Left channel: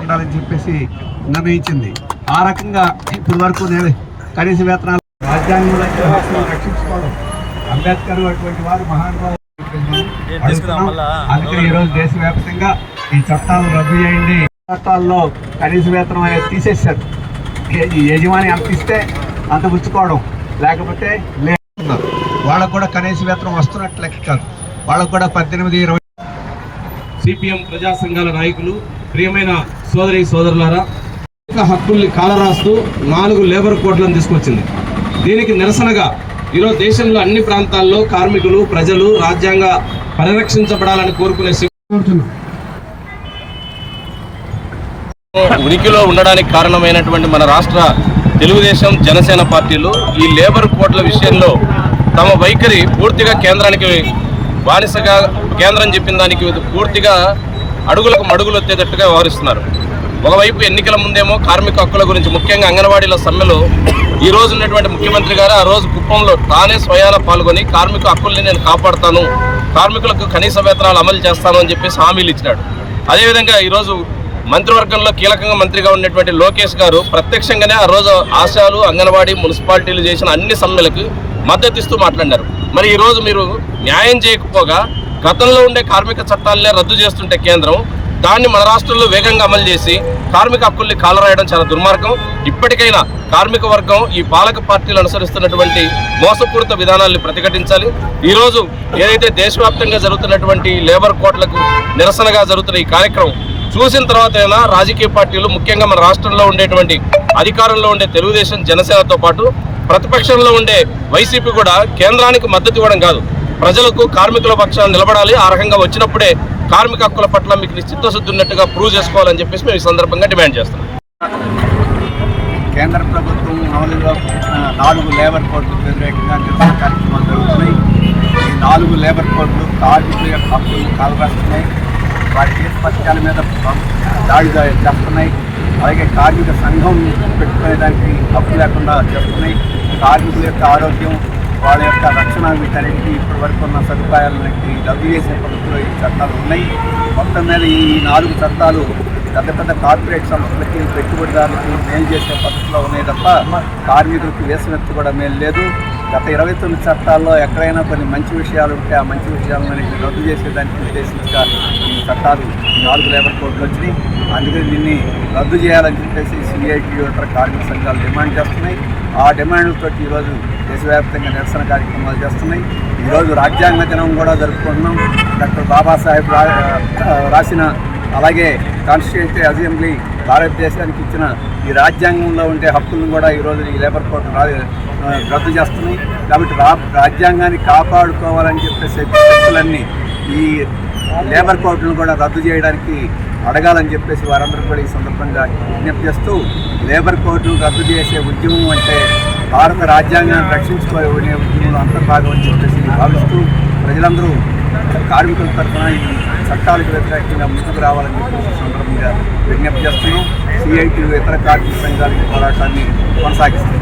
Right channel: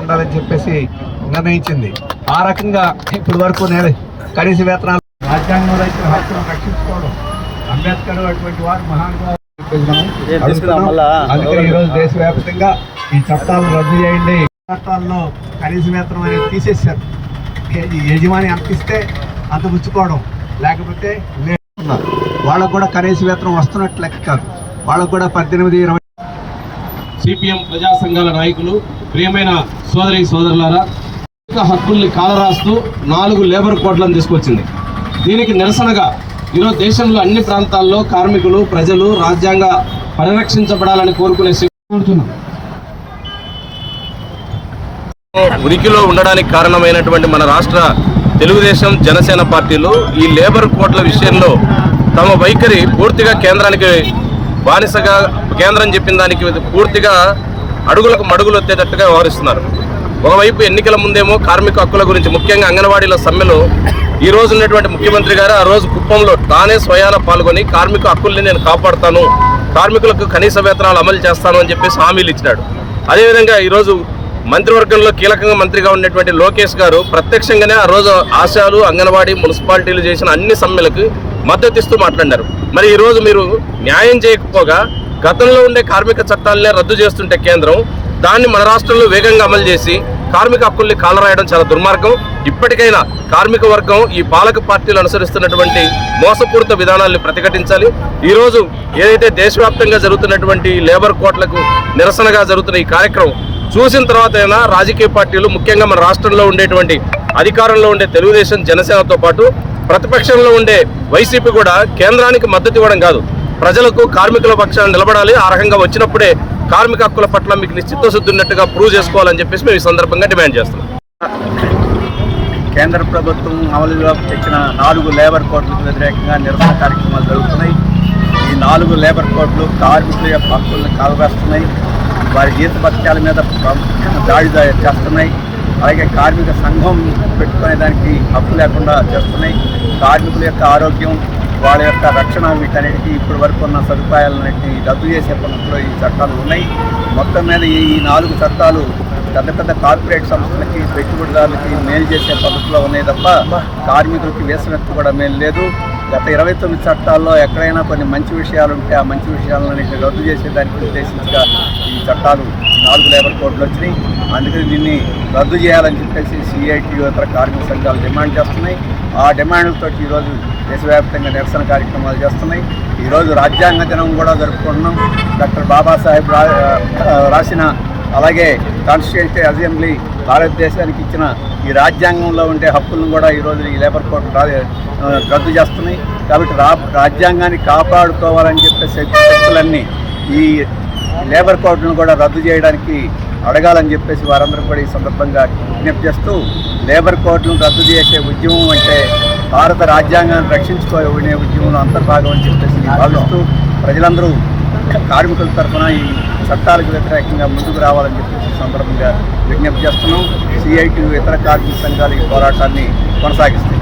ఉండాలని చెప్పేసి నిర్ణయించింది. ఆ రకంగా ఇప్పటి వరకు కనీస వేతనాలు రాజ్యాంగంలో ఇచ్చిన హక్కులను రక్షించుకోవడం అంబేద్కర్ అటువంటి వారు మహానుభావులు. అందుకని ఈరోజు దేశవ్యాప్తంగా ఈ చట్టాలను రద్దు చేయండి. చట్టాల్లో కనీస వేతనం అనేది తీసేశారు. యజమాని అంత ఇస్తే అంత పుచ్చుకోవడం లేకపోతే లేదు వాళ్ళకు కూడా కనీస వేతనం వస్తున్నట్లు లెక్క కాదు. వాళ్ళకు కూడా పద్దెనిమిది ఇరవై సిపిఎం ప్రజా సంఘాల నాయకులు ప్రియమైన సోదరి సోదరులారా కార్మిక హక్కుల్ని కాలరాస్తూ నాలుగు లేబర్ కోడ్లను తీసుకొచ్చింది. దీనికి నిరసనగా ఈరోజు దేశంలో అన్ని ప్రాంతాల్లో కార్మికులు ప్రజలు రాజ్యాంగ పరిరక్షించబడాలని కోరుకునే కోరుతున్నాం. ఉనికిలో ఉండడానికి కారణమైనటువంటి మన రాష్ట్ర తెలుగుదేశం జనసేన పార్టీలు ఈ లేబర్ కోట్ల విషయంలో తమ వైఖరి పూర్తిగా కేంద్రానికి బానిసగా కేంద్రం చెప్పిన దానికి పూర్తిగా అడుగులకు మడుగులు వచ్చేటట్టుగా వ్యవహరిస్తున్నారు. ఒకవైపు ఎన్నికల ముందేమో కార్మిక హక్కుల గురించి ముఖ్యంగా అంగన్వాడీల సమ్మెలో ఈ రోజు ఉన్నటువంటి ముఖ్యమంత్రి గారు ఆ రోజు కుప్పంలో తానే స్వయాన పాల్గొని కార్మిక హక్కుల్ని నేను కాపాడుతాను కార్మికులకు కనీస వేతనాలు అమలు చేస్తాను అని చెప్పేసి హామీలు ఇచ్చినాడు. అదేవిధంగా ఈరోజు మంత్రివర్గంలో కీలకంగా మంత్రిగా ఉన్నటువంటి లోకేష్ గారు ప్రత్యక్షంగానే ఆ రోజు ఆశాలు అంగన్వాడీ మున్సిపాలిటీలు చేసిన అన్ని సమ్మెలకు మద్దతిస్తూ మాట్లాడారు మరి ఈరోజు మీరు న్యాయం చేయకపోగా గతంలో ఉండే కార్మిక చట్టాలనే రద్దు చేస్తుంటే కేంద్రం దాన్ని మన రాష్ట్రంలో వేగంగా అమలు చేసి కార్మిక హక్కుల్ని కాలరాయడం చాలా దుర్మార్గం. ఇప్పటికైనా కార్మిక వర్గం ఈ పాలక పార్టీలు అనుసరిస్తున్నటువంటి మోసపూరిత విధానాల్ని ప్రతిఘటించాలి. ఈరోజు ఏదైతే దేశవ్యాప్తంగా జరుగుతున్నటువంటి లేబర్ కోట్లకు నిరసనగా జరుగుతున్న ఈ కార్యక్రమం చూసిన తర్వాత అయినా రాజకీయ పార్టీలు ముఖ్యంగా మన రాష్ట్రంలో ఉండేటువంటి అధికారంలో ఉండే తెలుగుదేశం జనసేనతో పాటు ప్రతిపక్షంలో ఉండే వైసీపీ కూడా కేంద్రానికి మద్దతు ఇవ్వడం కాదు. ప్రజలకు కార్మికుల పక్షాన నిలబడాలి. ఆ రకంగా వచ్చినప్పుడే కార్మిక హక్కుల పట్ల మీకు చిత్తశుద్ధి ఉన్నట్టుగా ప్రూవ్ చేసుకోవాలని చెప్పేసి మేము ఈ సందర్భంగా డిమాండ్ చేస్తున్నాం. కేంద్ర ప్రభుత్వం అమలులో తెచ్చిన నాలుగు లేబర్ కోడ్లకు వ్యతిరేకంగా నిరసన కార్యక్రమాలు జరుగుతున్నాయి. ఈ నాలుగు లేబర్ కోడ్లు కార్మికుల యొక్క హక్కులను కాలరాస్తున్నాయి. వారి జీతపత్యాల మీద దాడి చేస్తున్నాయి. అలాగే కార్మిక సంఘం పెట్టుకునే దానికి హక్కు లేకుండా చేస్తున్నాయి. కార్మికుల యొక్క ఆరోగ్యం వాళ్ళ యొక్క రక్షణ వీటన్నిటికీ ఇప్పటి వరకు ఉన్న సదుపాయాలన్నింటినీ రద్దు చేసే పద్ధతిలో ఈ చట్టాలు ఉన్నాయి. మొత్తం మీద ఈ నాలుగు చట్టాలు పెద్ద పెద్ద కార్పొరేట్ సంస్థలకి పెట్టుబడిదారులకి మేలు చేసే పద్ధతిలో ఉన్నాయి తప్ప కార్మికులకి వేసినట్టు కూడా మేలు లేదు. గత ఇరవై తొమ్మిది చట్టాల్లో ఎక్కడైనా కొన్ని మంచి విషయాలు ఉంటే ఆ మంచి విషయాలన్నింటినీ రద్దు చేసేదానికి ఉద్దేశించగా ఈ చట్టాలు ఈ నాలుగు లేబర్ కోడ్లు వచ్చినాయి. అందుకని దీన్ని రద్దు చేయాలని చెప్పేసి సిఐటియు ఇతర కార్మిక సంఘాలు డిమాండ్ చేస్తున్నాయి. ఆ డిమాండ్లతో ఈరోజు దేశవ్యాప్తంగా నిరసన కార్యక్రమాలు చేస్తున్నాయి. ఈరోజు రాజ్యాంగ దినం కూడా జరుపుకుంటున్నాం. డాక్టర్ బాబాసాహెబ్ రా రాసిన అలాగే కాన్స్టిట్యూషన్ అసెంబ్లీ భారతదేశానికి ఇచ్చిన ఈ రాజ్యాంగంలో ఉండే హక్కులను కూడా ఈరోజు ఈ లేబర్ కోర్టు రా రద్దు చేస్తున్నాయి. కాబట్టి రా రాజ్యాంగాన్ని కాపాడుకోవాలని చెప్పే శక్తులన్నీ ఈ లేబర్ కోర్టును కూడా రద్దు చేయడానికి అడగాలని చెప్పేసి వారందరూ కూడా ఈ సందర్భంగా విజ్ఞప్తి చేస్తూ లేబర్ కోర్టును రద్దు చేసే ఉద్యమం అంటే భారత రాజ్యాంగాన్ని రక్షించుకునే ఉద్యమంలో అంతర్భాగం అని చెప్పేసి భావిస్తూ ప్రజలందరూ కార్మికుల తరఫున ఈ చట్టాలకు వ్యతిరేకంగా ముందుకు రావాలని చెప్పేసి సందర్భంగా విజ్ఞప్తి చేస్తున్నాం. సిఐటి ఇతర కార్మిక సంఘాలు ఈ పోరాటాన్ని కొనసాగిస్తాయి